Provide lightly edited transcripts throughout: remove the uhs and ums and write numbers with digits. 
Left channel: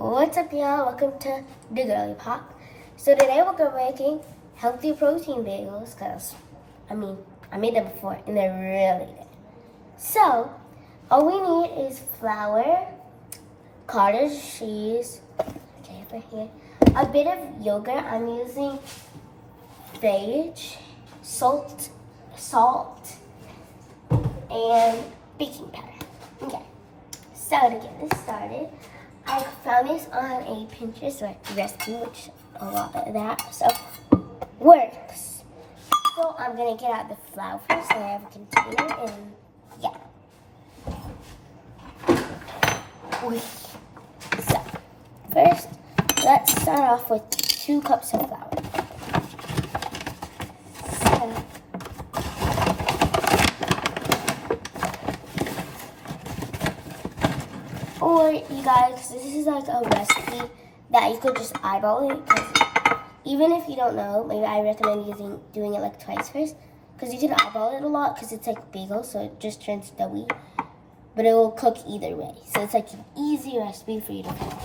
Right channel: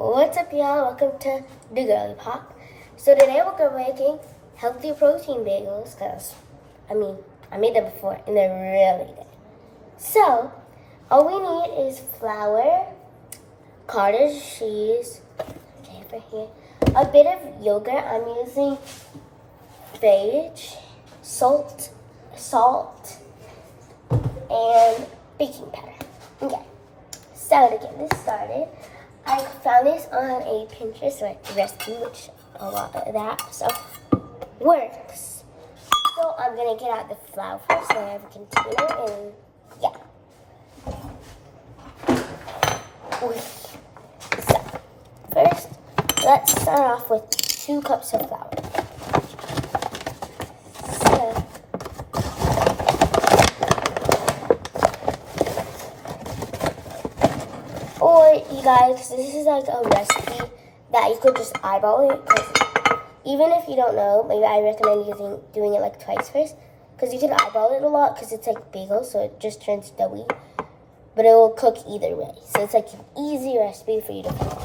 What's up, y'all? Welcome to the Girly Pop. So today we're gonna be making healthy protein bagels because, I made them before and they're really good. So all we need is flour, cottage cheese, over here, a bit of yogurt. I'm using sage, salt, and baking powder. Okay. So to get this started, I found this on a Pinterest recipe, which a lot of that stuff works. So I'm gonna get out the flour first. So I have a container and So first, let's start off with 2 cups of flour. Or you guys, this is like a recipe that you could just eyeball it. Because even if you don't know, maybe I recommend doing it like twice first. Because you can eyeball it a lot because it's like bagel, so it just turns doughy. But it will cook either way. So it's like an easy recipe for you to follow.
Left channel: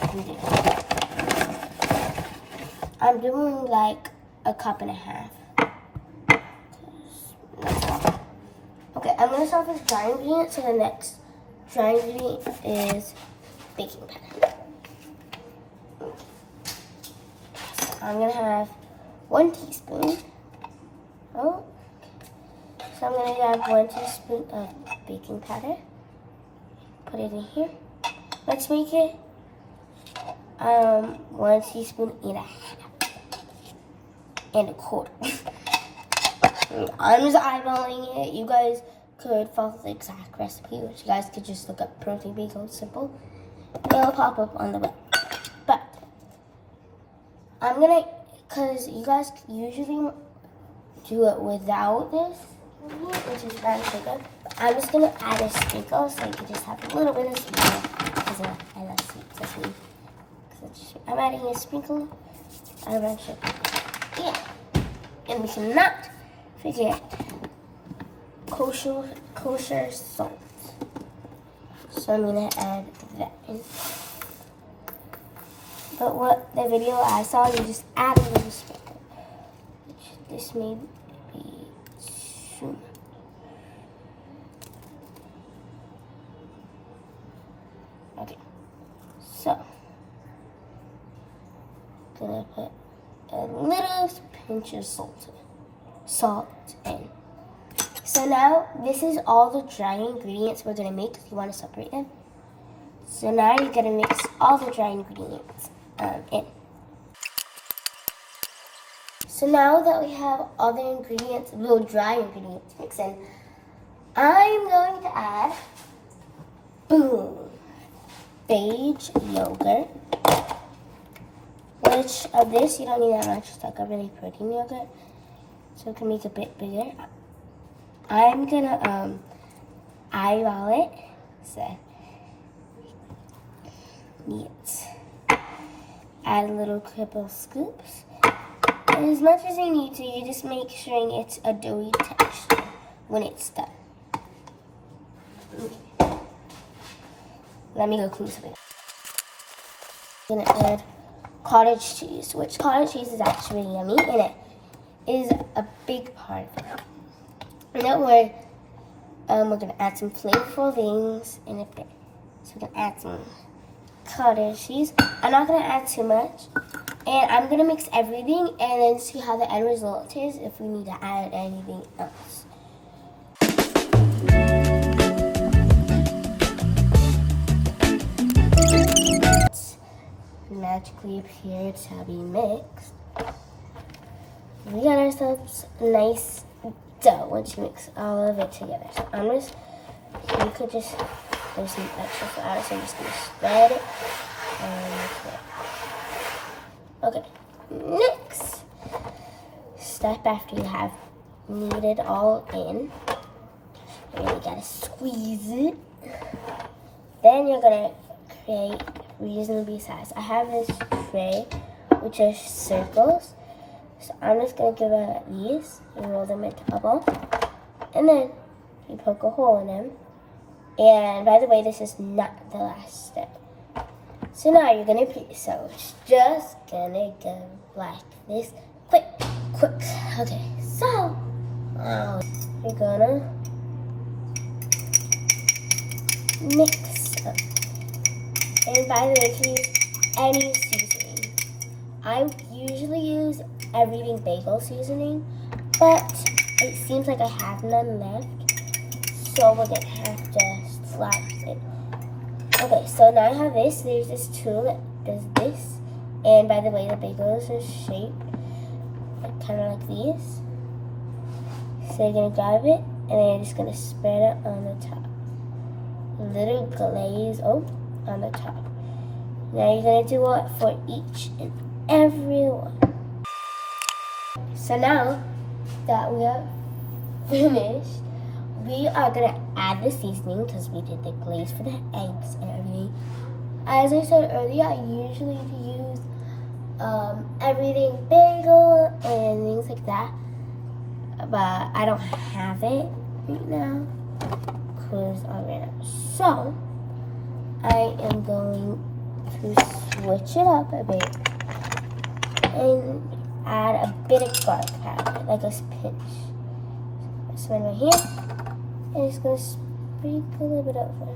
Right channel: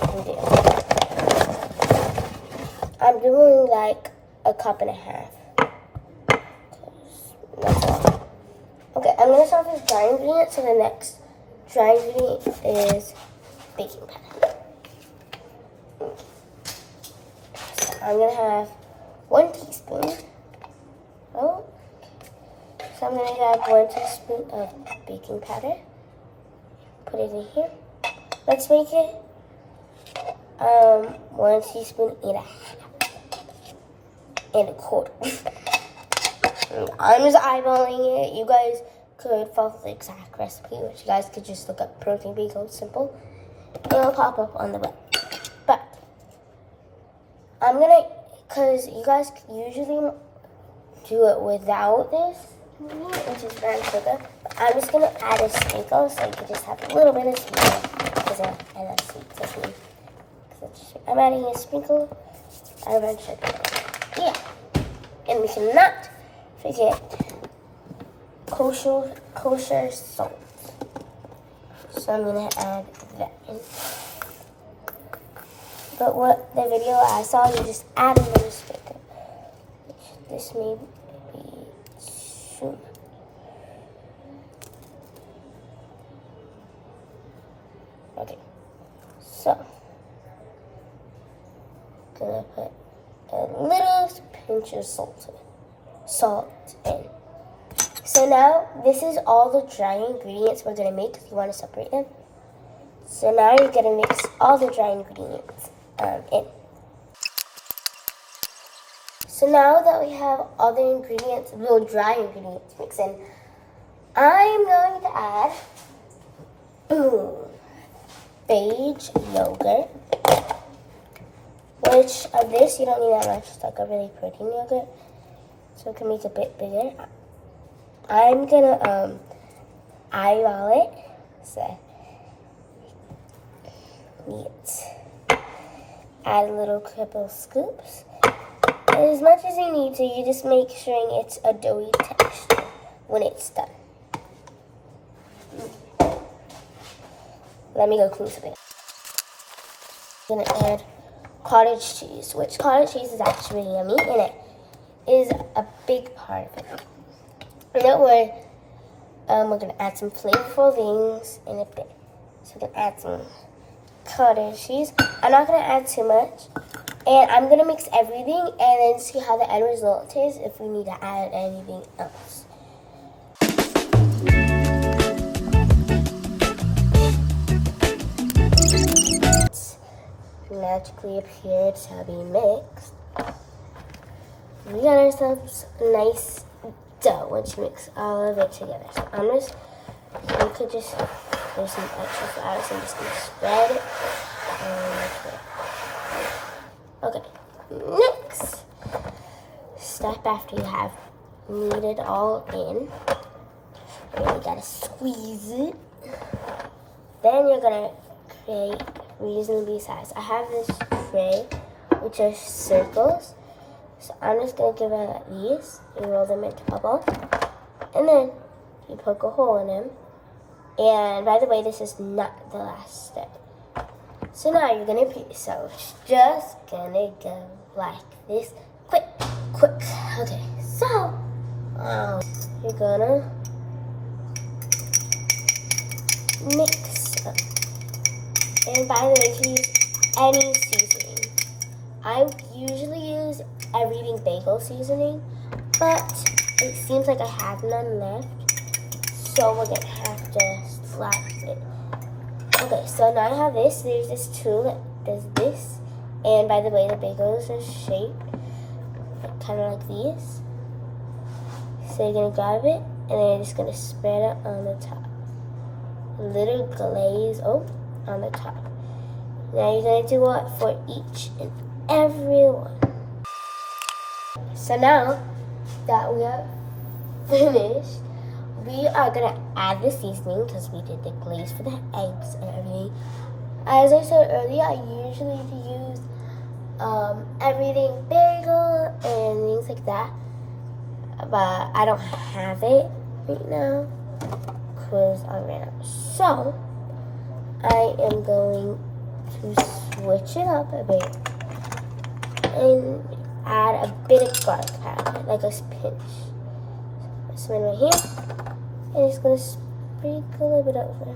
I'm doing like 1.5 cups. That's all. Okay, I'm going to start with dry ingredients. So the next dry ingredient is baking powder. So I'm going to have 1 teaspoon. So I'm going to have 1 teaspoon of baking powder. Put it in here. Let's make it 1 teaspoon and a quarter. I'm just eyeballing it. You guys could follow the exact recipe, which you guys could just look up protein bagel, simple. It'll pop up on the web. But I'm gonna, because you guys usually do it without this, which is brown sugar. I'm just gonna add a sprinkle, so you can just have a little bit of sweet, because I love sweet. So I'm adding a sprinkle of brown sugar. Yeah, and we should not forget kosher salt. So I'm gonna add that in. But what the video I saw, you just add a little sprinkle. This may be soon. Okay, so gonna put a little pinch of salt in. So now this is all the dry ingredients we're gonna make. If you want to separate them. So now you're gonna mix all the dry ingredients in. So now that we have all the ingredients, the dry ingredients mixed in, I'm going to add beige yogurt. Which of this you don't need that much. It's like a really protein yogurt, so it can make it a bit bigger. I'm gonna eyeball it. So add a little couple scoops. As much as you need to, you just make sure it's a doughy texture when it's done. Let me go closer. I'm gonna add cottage cheese, which cottage cheese is actually yummy, and it is a big part of it. And don't worry, we're gonna add some flavorful things in a bit. So we're gonna add some cottage cheese. I'm not gonna add too much, and I'm gonna mix everything and then see how the end result is if we need to add anything else. Magically appeared to be mixed. We got ourselves a nice dough once you mix all of it together. So you could just, there's some extra flour, so I'm just gonna spread it. Okay, next step after you have kneaded all in, you gotta squeeze it. Then you're gonna create reasonably sized. I have this tray, which are circles. So I'm just gonna give it these. You roll them into a ball, and then you poke a hole in them. And by the way, this is not the last step. So now you're gonna so it's just gonna go like this. Quick. Okay, so you're gonna mix them. And by the way, you can use any seasoning. I usually use everything bagel seasoning, but it seems like I have none left, so we're gonna have to slice it. Okay, so now I have this. There's this tool that does this, and by the way, the bagels are shaped kind of like these. So you're gonna grab it, and then you're just gonna spread it on the top. A little glaze on the top. Now you're gonna do it for each and every one. So now that we are finished, we are gonna add the seasoning because we did the glaze for the eggs and everything. As I said earlier, I usually use everything bagel and things like that, but I don't have it right now because I ran out. So I am going to switch it up a bit and add a bit of garlic powder, like a pinch. This one right here, and just gonna sprinkle a bit over.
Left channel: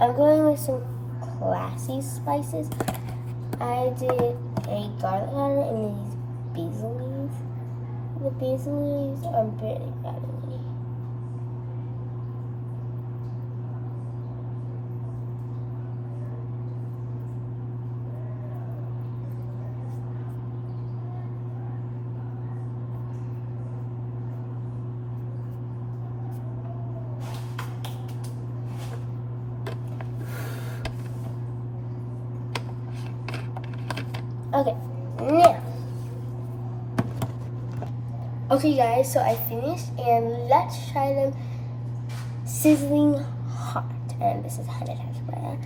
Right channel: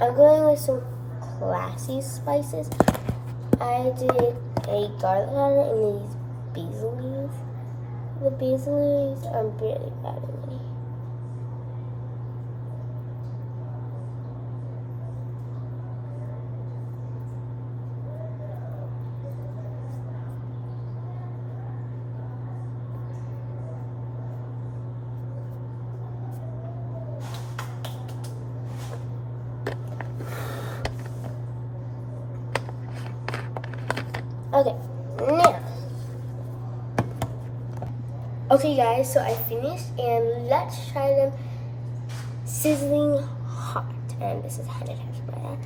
I'm going with some classy spices. I did a garlic powder and these basil leaves. The basil leaves are really bothering me. Okay, now. Okay guys, so I finished and let's try them sizzling hot. And this is 100 times better.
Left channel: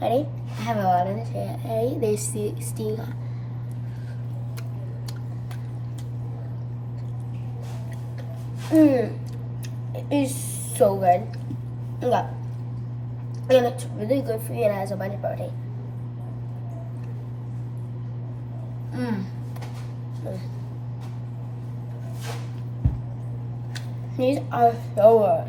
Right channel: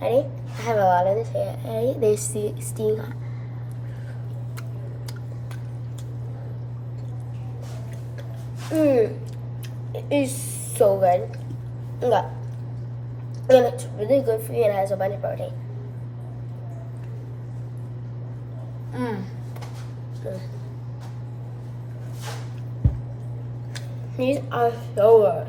Ready? I have a lot of this here. Ready? They're steaming hot. It is so good. Okay. And it's really good for you and it has a bunch of protein. These are so good.